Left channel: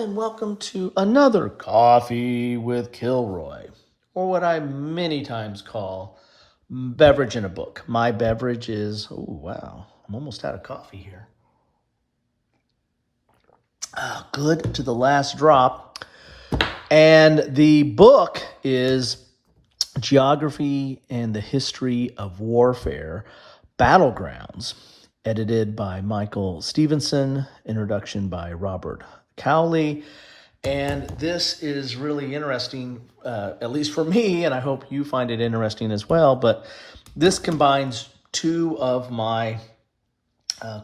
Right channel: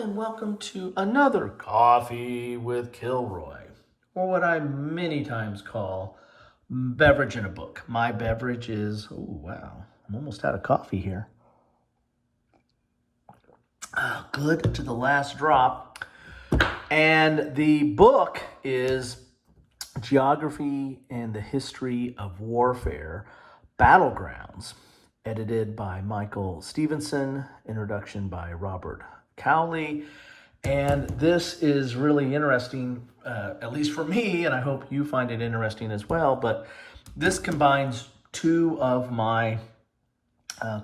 and welcome to another Coffee with Kilroy, or what I many times call beverage in a book. My beverage is, oh wow, I'm almost out of coffee here. Good to the last drop. And the book is Geography and the History of Warfare, Battlegrounds, edited by Michael Stephenson, introduction by Robert Cowley. And this is really interesting, at least for me, and I hope you find it interesting as well. But this combines two of my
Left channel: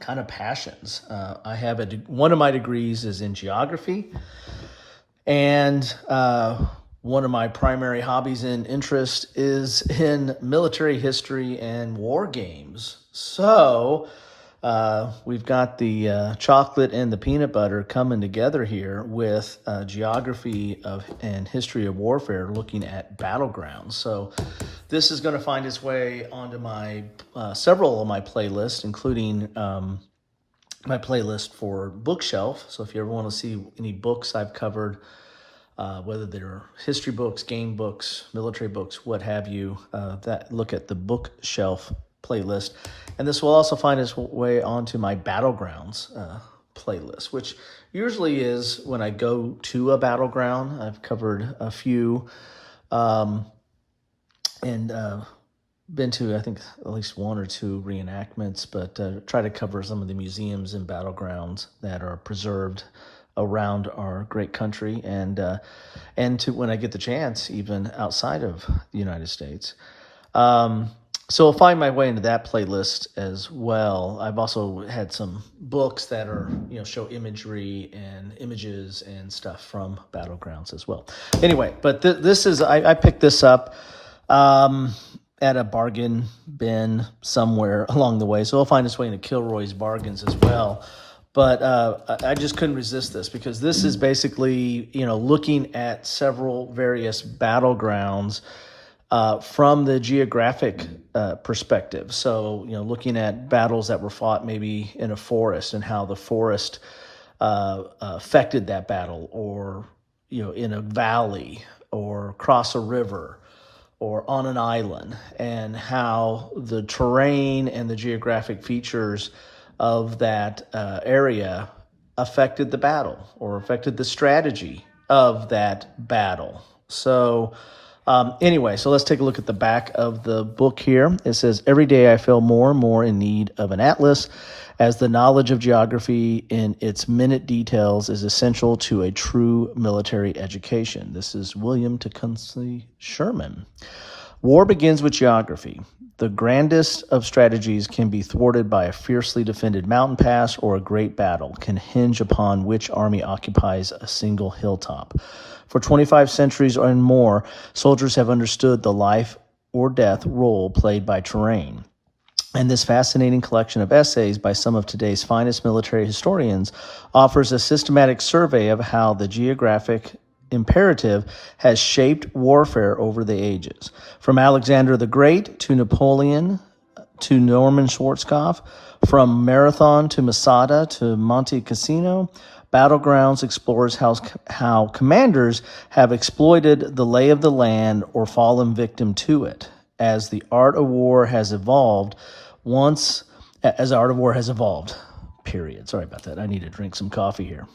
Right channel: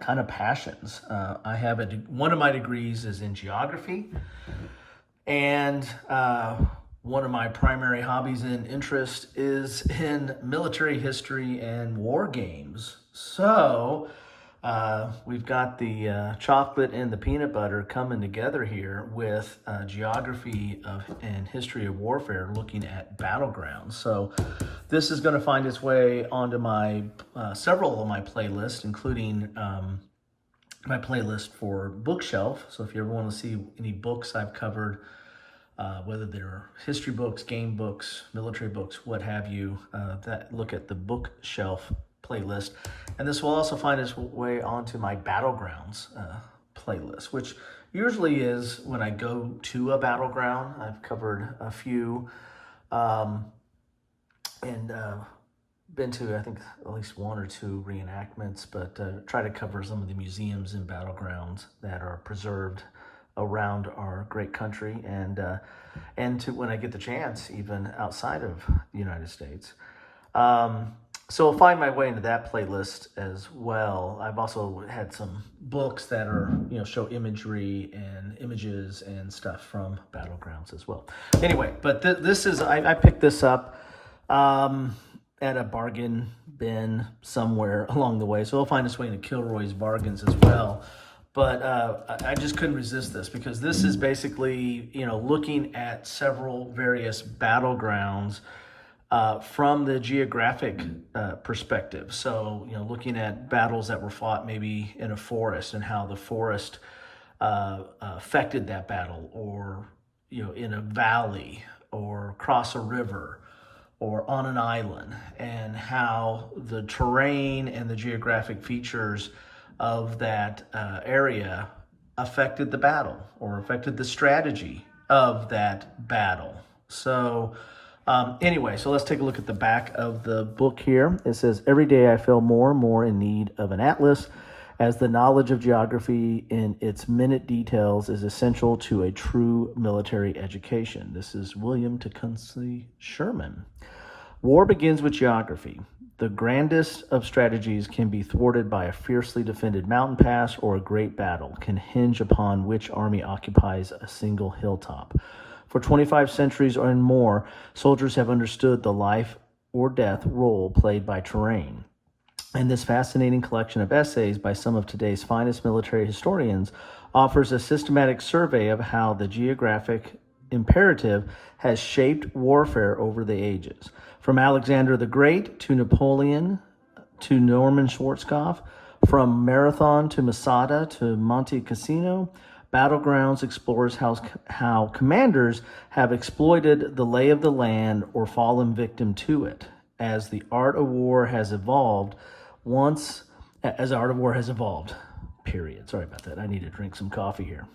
kind of passions. I have one of my degrees is in geography, and one of my primary hobbies and interest is in military history and war games. So we've got the chocolate and the peanut butter coming together here with geography and history of warfare, looking at battlegrounds. So this is going to find its way onto my several of my playlists, including my playlist for bookshelf. So if you ever want to see any books I've covered, whether they're history books, game books, military books, what have you, that look at the bookshelf playlist. And this will also find its way onto my Battlegrounds playlist, which usually is when I go to a battleground. I've covered a few and been to, I think, at least one or two reenactments, but try to cover some of the museums and battlegrounds that are preserved around our great country, and to, when I get the chance, even outside of the United States. So I'll find my way into that playlist as well. I've also had some books that are, show imagery and images and stuff from battlegrounds as well. Anyway, but this is, I picked this up at a bargain bin somewhere along the way. So I'll find its way into Kilroy's bargains as well. But I just couldn't resist this, because this is basically, looking at several various battlegrounds from the geographic perspective. So, looking at battles that were fought maybe in a forest and how the forest affected that battle, or, in a valley, or across a river, or on an island, and how the terrain and the geographic features of that area affected the battle, or affected the strategy of that battle. So anyway, so let's take a look at the back of the book here. It says, "Every day I feel more and more in need of an atlas, as the knowledge of geography in its minute details is essential to a true military education." This is William Tecumseh Sherman. "War begins with geography. The grandest of strategies can be thwarted by a fiercely defended mountain pass, or a great battle can hinge upon which army occupies a single hilltop. For 25 centuries and more, soldiers have understood the life or death role played by terrain. And this fascinating collection of essays by some of today's finest military historians offers a systematic survey of how the geographic imperative has shaped warfare over the ages. From Alexander the Great to Napoleon to Norman Schwarzkopf, from Marathon to Masada to Monte Cassino, Battlegrounds explores how commanders have exploited the lay of the land or fallen victim to it, as the art of war has evolved. Period. Sorry about that. I need to drink some coffee here.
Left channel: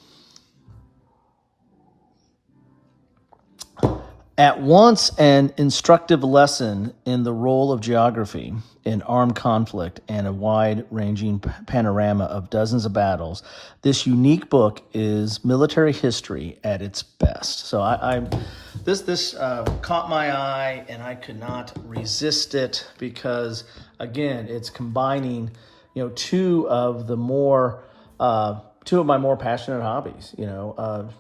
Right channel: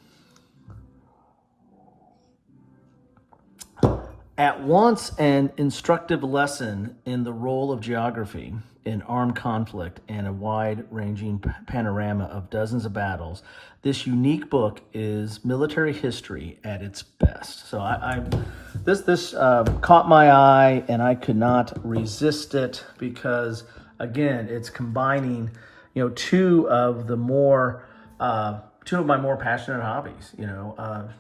At once an instructive lesson in the role of geography in armed conflict and a wide-ranging panorama of dozens of battles, this unique book is military history at its best. So this caught my eye, and I could not resist it, because again, it's combining, two of my more passionate hobbies.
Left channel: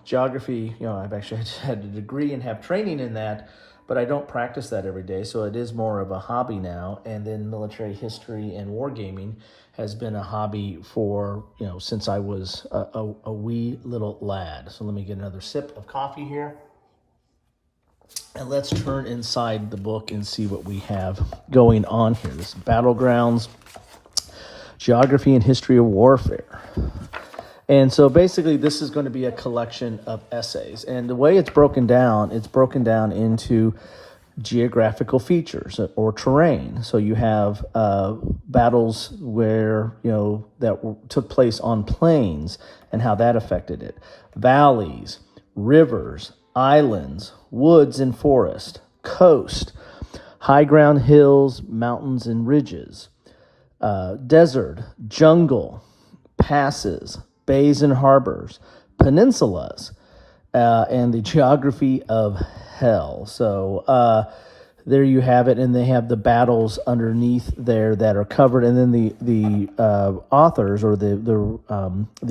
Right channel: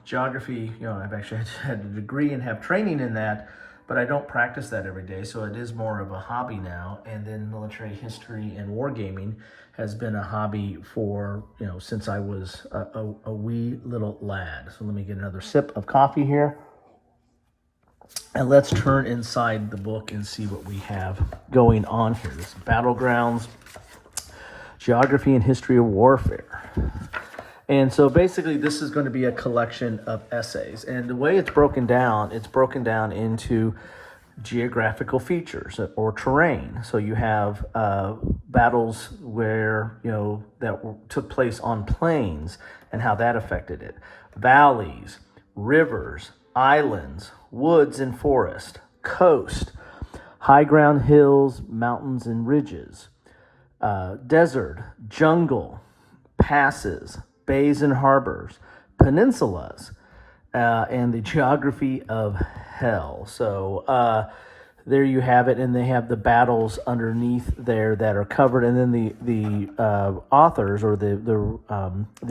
Geography, I've actually had a degree and have training in that, but I don't practice that every day, so it is more of a hobby now. And then military history and wargaming has been a hobby for, since I was a wee little lad. So let me get another sip of coffee here. And let's turn inside the book and see what we have going on here. This is Battlegrounds, Geography and History of Warfare. And so basically this is going to be a collection of essays. And the way it's broken down into geographical features or terrain. So you have battles where, that took place on plains and how that affected it. Valleys, rivers, islands, woods and forest, coast, high ground, hills, mountains and ridges, desert, jungle, passes, bays and harbors, peninsulas, and the geography of hell. So there you have it, and they have the battles underneath there that are covered, and then the authors or the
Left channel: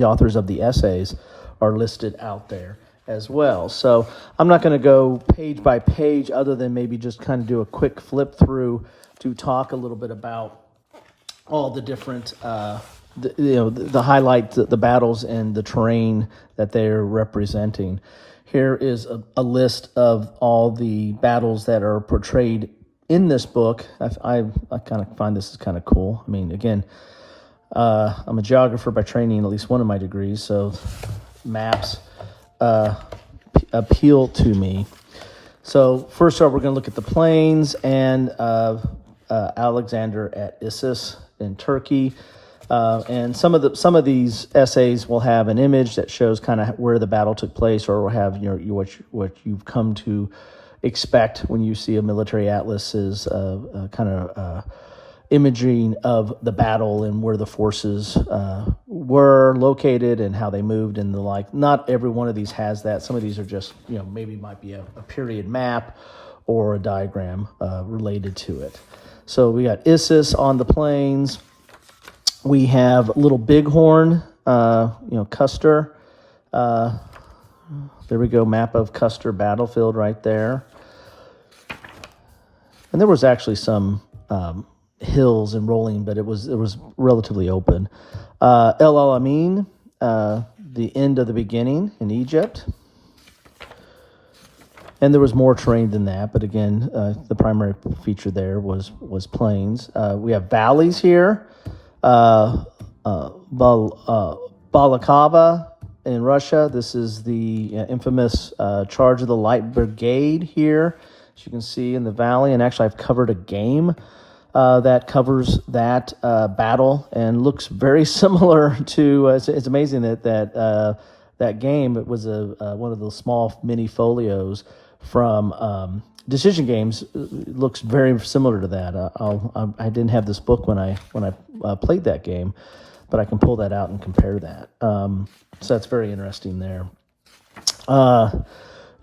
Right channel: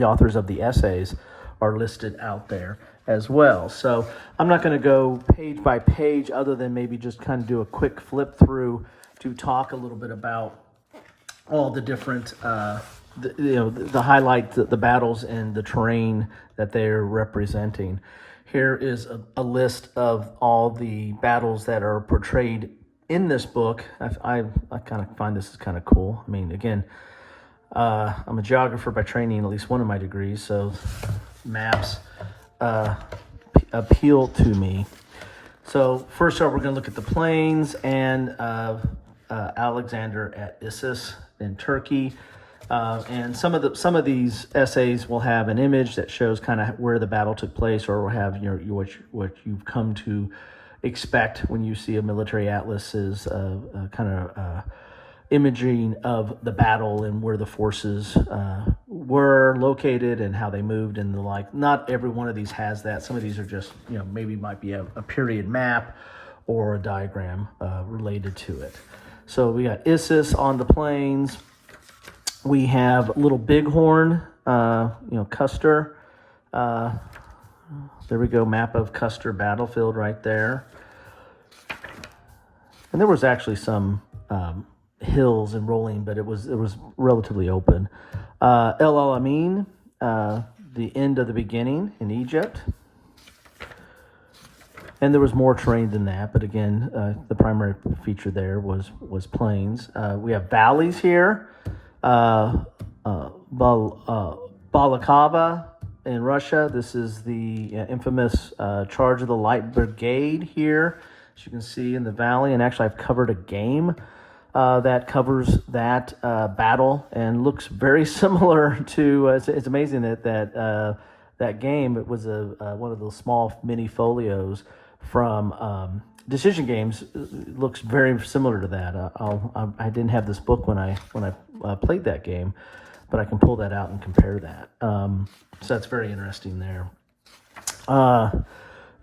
authors of the essays are listed out there as well. So I'm not going to go page by page, other than maybe just kind of do a quick flip through to talk a little bit about all the different the highlights, the battles and the terrain that they're representing. Here is a list of all the battles that are portrayed in this book. I kind of find this is kind of cool. I mean, again, I'm a geographer by training, at least one of my degrees, so maps appeal to me. So first off, we're going to look at the plains and Alexander at Issus in Turkey. And some of these essays will have an image that shows kind of where the battle took place, or will have what you've come to expect when you see a military atlas is kind of imaging of the battle and where the forces were located and how they moved and the like. Not every one of these has that. Some of these are just maybe might be a period map or a diagram related to it. So we got Issus on the plains. We have Little Bighorn, Custer. There we go, map of Custer battlefield right there. And there was actually some hills and rolling, but it was relatively open. El Alamein, the end of the beginning in Egypt. And there was more terrain than that, but again, the primary feature there was plains. We have valleys here. Balakava in Russia. This is the infamous Charge of the Light Brigade here, as you can see in the valley. And actually, I've covered a game that covers that battle and looks very similar to. It's amazing that game. It was one of those small mini folios from Decision Games. It looks very similar to that. I didn't have this book when I played that game, but I can pull that out and compare that. So that's very interesting there.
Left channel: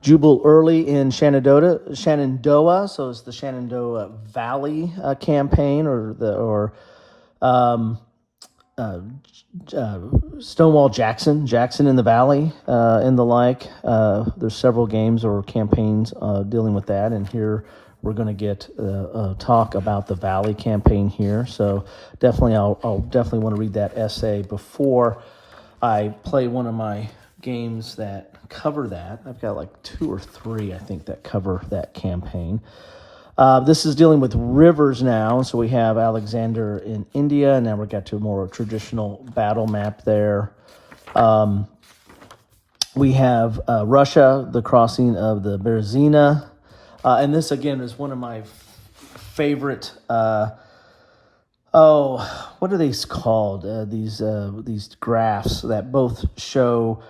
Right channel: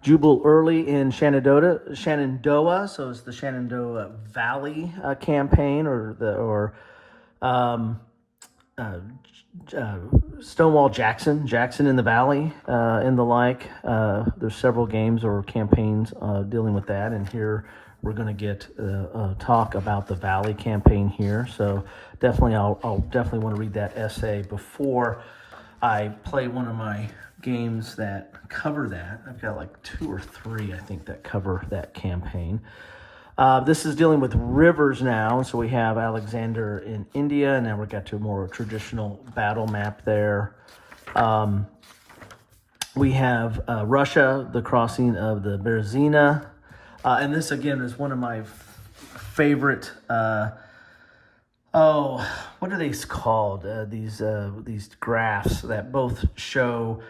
Jubal Early in Shenandoah. So it's the Shenandoah Valley campaign, or Stonewall Jackson in the Valley, and the like. There's several games or campaigns dealing with that, and here we're going to get talk about the Valley campaign here. So definitely, I'll definitely want to read that essay before I play one of my games that cover that. I've got like 2 or 3, I think, that cover that campaign. This is dealing with rivers now. So we have Alexander in India, and now we've got to a more traditional battle map there. We have Russia, the crossing of the Berezina. And this, again, is one of my favorite, what are these called? These graphs that both show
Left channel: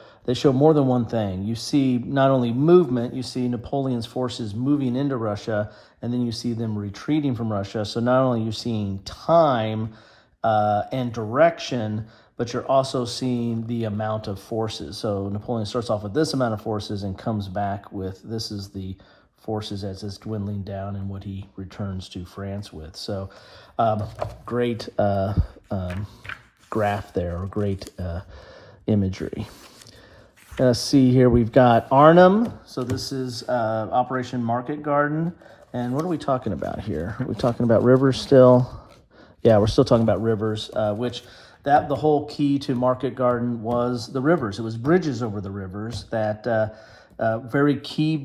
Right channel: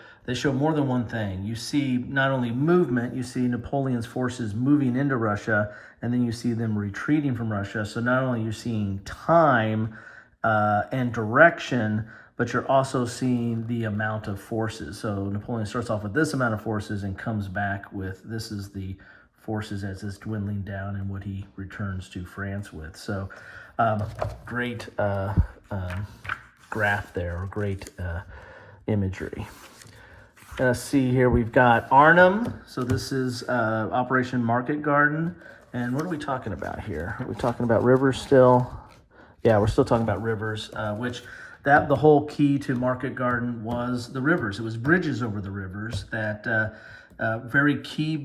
more than one thing. You see not only movement, you see Napoleon's forces moving into Russia, and then you see them retreating from Russia. So not only you're seeing time and direction, but you're also seeing the amount of forces. So Napoleon starts off with this amount of forces and comes back with, this is the forces as it's dwindling down and what he returns to France with. So great graph there, or great imagery. Let's see here, we've got Arnhem. So this is Operation Market Garden. And what are we talking about here? Are we talking about rivers still? Yeah, we're still talking about rivers, which the whole key to Market Garden was the rivers. It was bridges over the rivers, that very key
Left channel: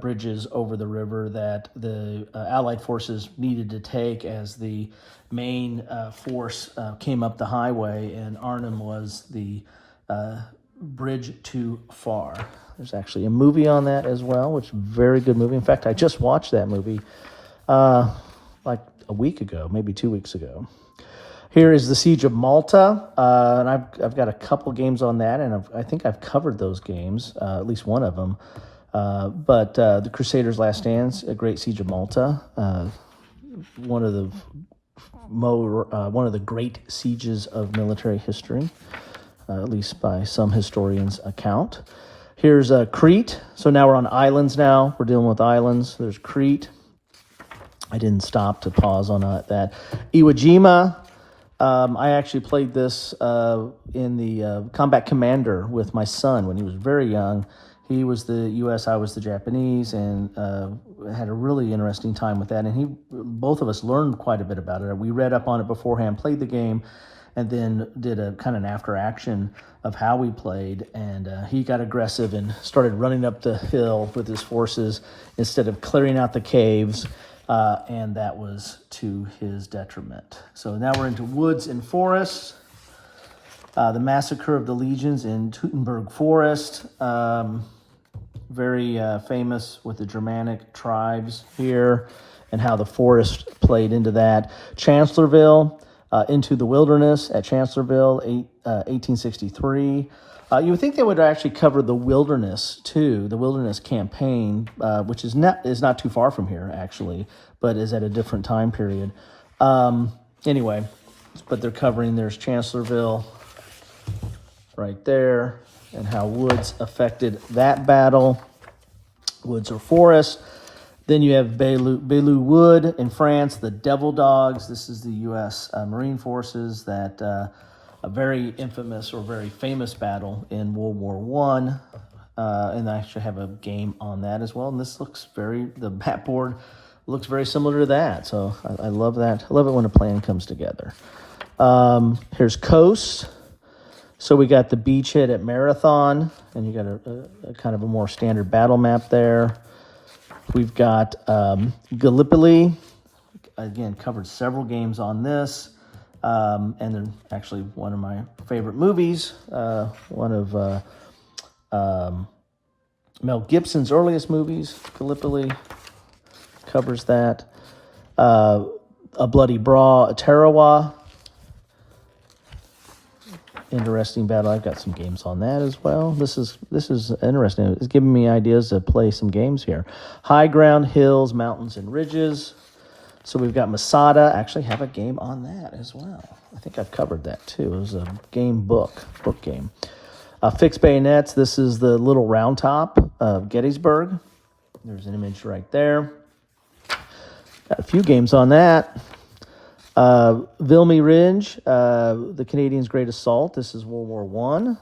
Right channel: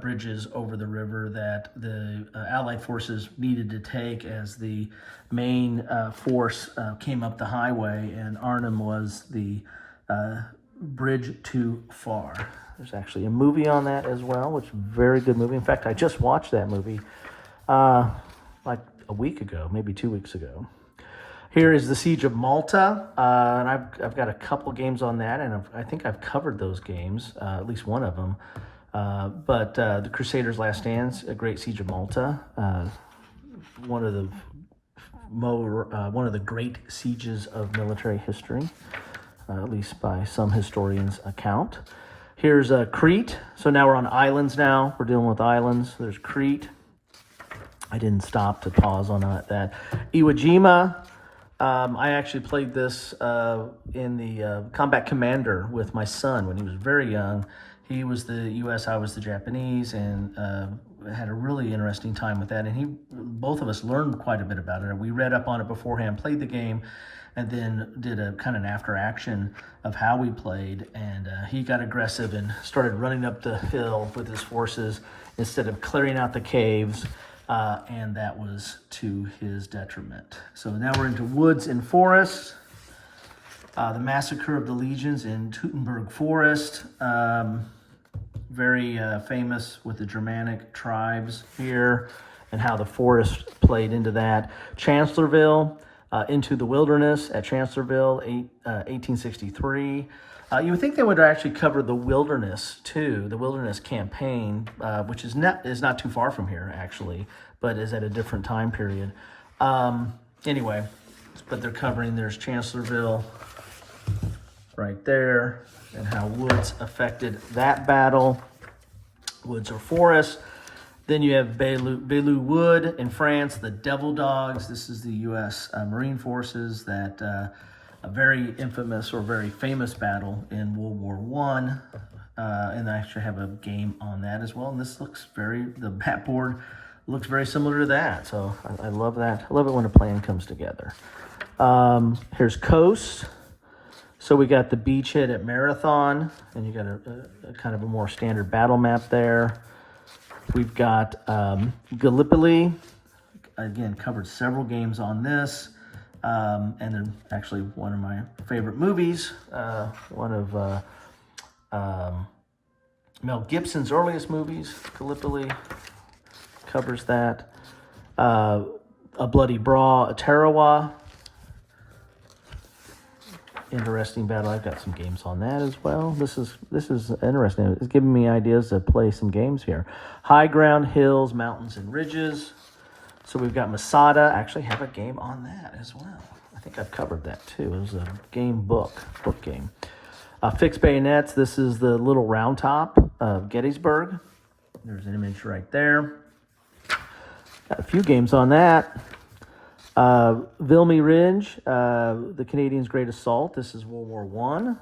bridges over the river that the Allied forces needed to take as the main force came up the highway, and Arnhem was the Bridge Too Far. There's actually a movie on that as well, which is a very good movie. In fact, I just watched that movie like a week ago, maybe 2 weeks ago. Here is the Siege of Malta, and I've got a couple games on that, and I think I've covered those games, at least one of them. But the Crusaders' Last Stands, a great Siege of Malta, one of the great sieges of military history, at least by some historians' account. Here's Crete. So now we're on islands now. We're dealing with islands. There's Crete. I didn't stop to pause on that. Iwo Jima. I actually played this in the Combat Commander with my son when he was very young. He was the U.S., I was the Japanese, and had a really interesting time with that. And both of us learned quite a bit about it. We read up on it beforehand, played the game, and then did a kind of an after action of how we played. And he got aggressive and started running up the hill with his forces instead of clearing out the caves. And that was to his detriment. So now we're into woods and forests. The Massacre of the Legions in Teutoburg Forest. Very famous with the Germanic tribes here and how the forest played into that. Chancellorsville, Into the Wilderness at Chancellorsville, 1863. You would think they would actually cover the wilderness too, the wilderness campaign, which is not too far from here actually, but is at a different time period. Anyway, but they're covering, there's Chancellorsville right there, and how woods affected that battle, woods or forest. Then you have Belleau Wood in France, the Devil Dogs. This is the U.S. Marine Forces, that a very infamous or very famous battle in World War I. And I actually have a game on that as well. And this looks the map board looks very similar to that. So I love that. I love it when a plan comes together. Here's Coast. So we got the beachhead at Marathon, and you got a kind of a more standard battle map there. We've got Gallipoli. Again, covered several games on this. And then actually one of my favorite movies, one of Mel Gibson's earliest movies, Gallipoli, covers that. A Bloody Brawl, Tarawa. Interesting battle. I've got some games on that as well. This is interesting. It's giving me ideas to play some games here. High ground, hills, mountains, and ridges. So we've got Masada. I actually have a game on that as well. I think I've covered that too. It was a book game. Fixed bayonets. This is the Little Round Top of Gettysburg. There's an image right there. Got a few games on that. Vilmy Ridge, the Canadians' Great Assault. This is World War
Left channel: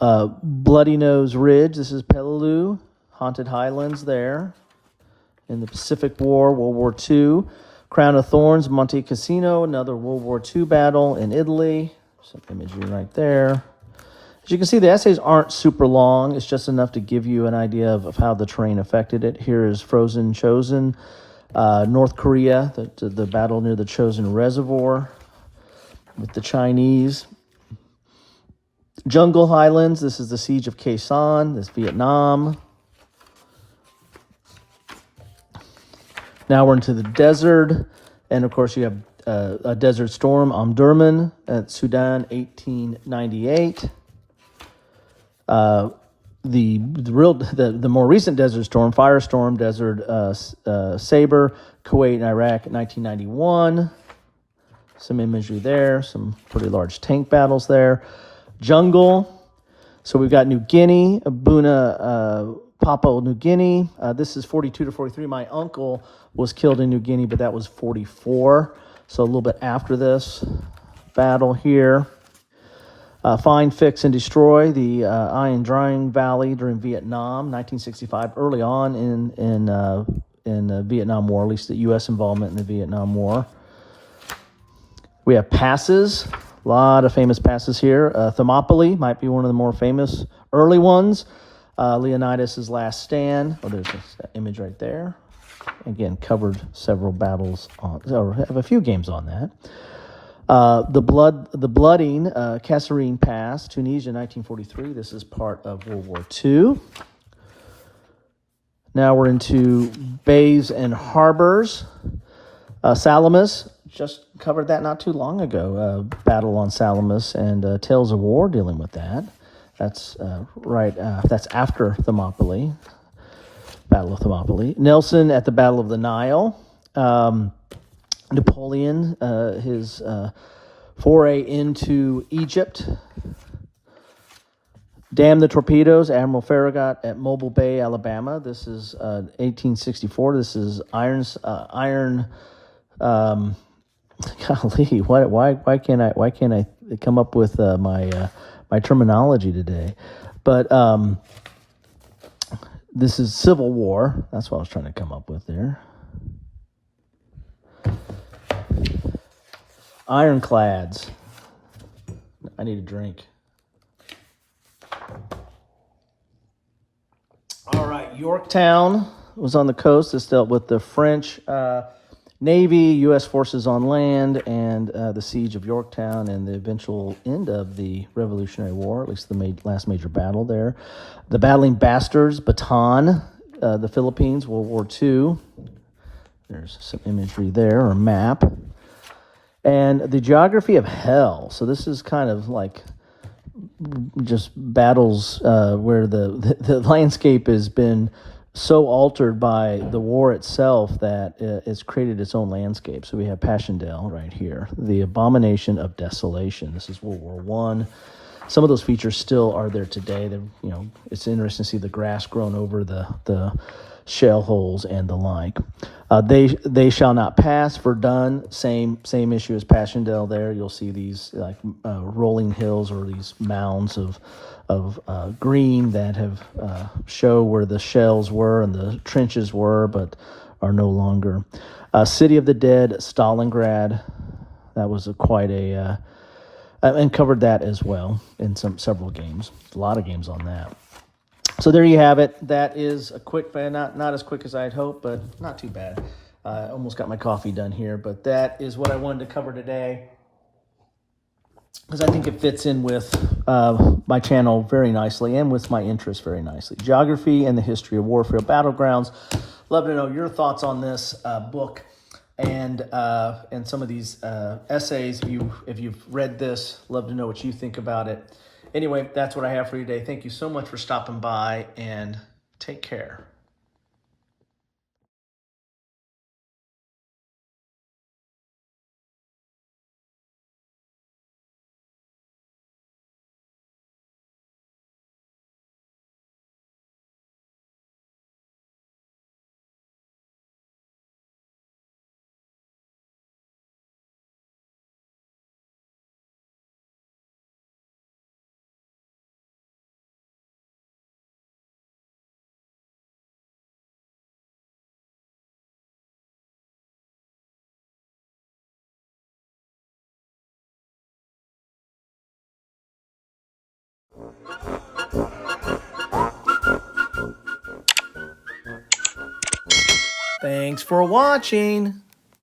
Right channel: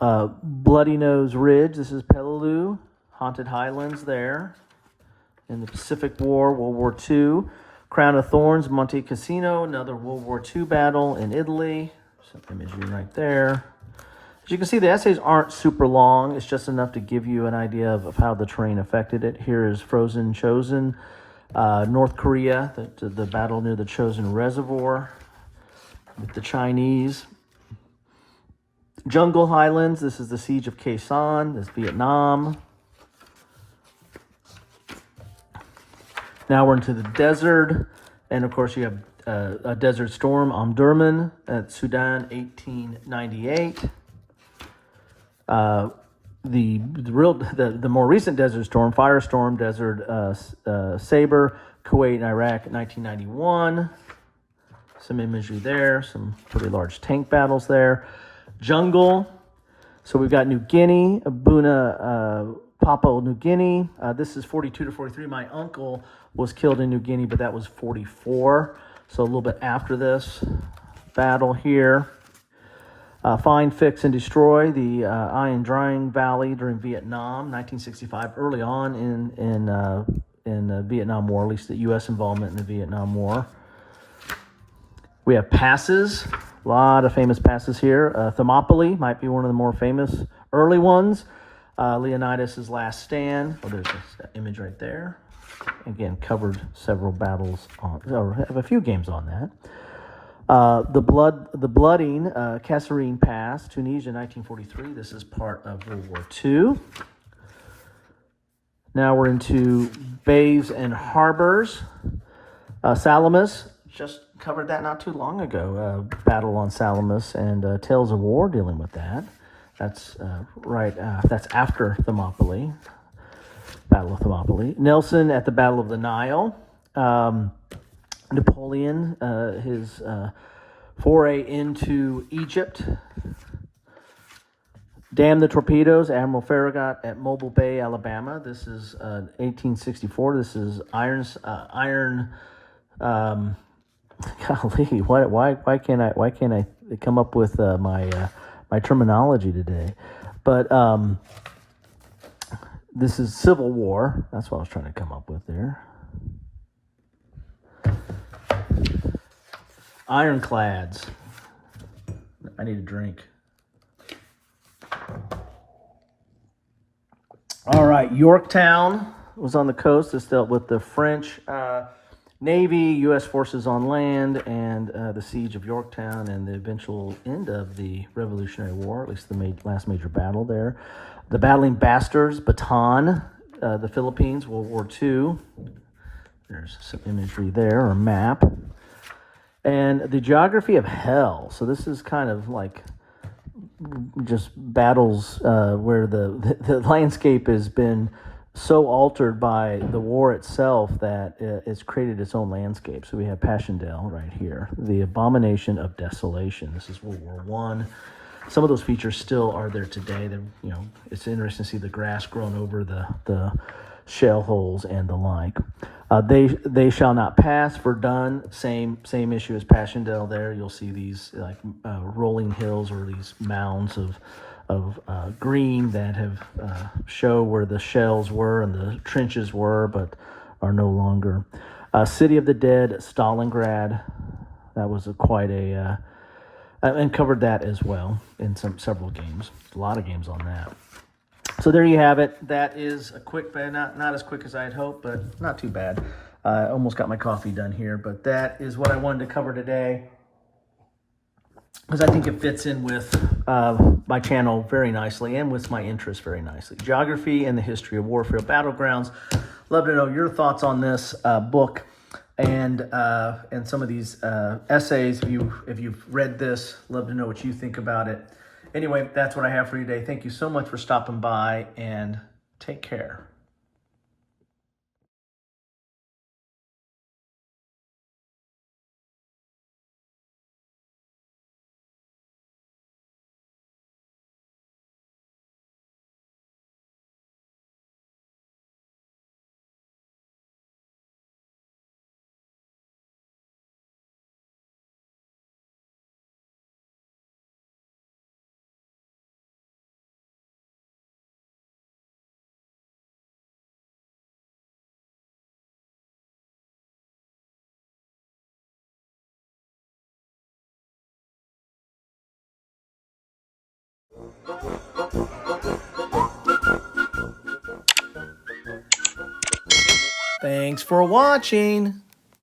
I. Bloody Nose Ridge. This is Peleliu, Haunted Highlands there. In the Pacific War, World War II. Crown of Thorns, Monte Cassino, another World War II battle in Italy. Some imagery right there. As you can see, the essays aren't super long. It's just enough to give you an idea of how the terrain affected it. Here is Frozen Chosen. North Korea, the battle near the Chosin Reservoir with the Chinese. Jungle Highlands, this is the Siege of Khe Sanh, this is Vietnam. Now we're into the desert, and of course you have a Desert Storm, Omdurman at Sudan, 1898. The more recent Desert Storm, Firestorm, Desert Saber, Kuwait and Iraq, 1991. Some imagery there, some pretty large tank battles there. Jungle. So we've got New Guinea, Buna, Papua New Guinea. This is 42 to 43. My uncle was killed in New Guinea, but that was 44. So a little bit after this battle here. Find, Fix, and Destroy the Iron Drying Valley during Vietnam, 1965, early on in the Vietnam War, at least the U.S. involvement in the Vietnam War. We have passes, a lot of famous passes here. Thermopylae might be one of the more famous early ones. Leonidas' Last Stand. Oh, there's this image right there. Again, covered several battles on, so I have a few games on that. The blooding, Kasserine Pass, Tunisia, 1943. This is part of World War II. Now we're into bays and harbors. Salamis, just covered that not too long ago. Battle on Salamis and Tales of War dealing with that. That's that's after Thermopylae, Battle of Thermopylae. Nelson at the Battle of the Nile. Napoleon, his foray into Egypt. Damn the Torpedoes, Admiral Farragut at Mobile Bay, Alabama. This is 1864. This is iron. Golly, why can't I come up with my terminology today? But this is Civil War. That's what I was trying to come up with there. Ironclads. I need a drink. All right, Yorktown was on the coast. This dealt with the French Navy, U.S. forces on land, and the siege of Yorktown and the eventual end of the Revolutionary War, at least the last major battle there. The Battling Bastards, Bataan, the Philippines, World War II. There's some imagery there, or a map. And the Geography of Hell. So this is kind of like just battles where the landscape has been so altered by the war itself that it's created its own landscape. So we have Passchendaele right here, the Abomination of Desolation. This is World War I. Some of those features still are there today. It's interesting to see the grass grown over the shell holes and the like. They shall not pass. Verdun, same issue as Passchendaele. There you'll see these like rolling hills or these mounds of green that have show where the shells were and the trenches were, but are no longer. City of the Dead, Stalingrad. That was quite a and covered that as well in several games. A lot of games on that. So there you have it. That is a quick, but not as quick as I'd hoped, but not too bad. I almost got my coffee done here, but that is what I wanted to cover today, because I think it fits in with my channel very nicely and with my interests very nicely. Geography and the history of warfare, Battlegrounds. Love to know your thoughts on this book and some of these essays. If you've read this, love to know what you think about it. Anyway, that's what I have for you today. Thank you so much for stopping by, and take care. Thanks for watching.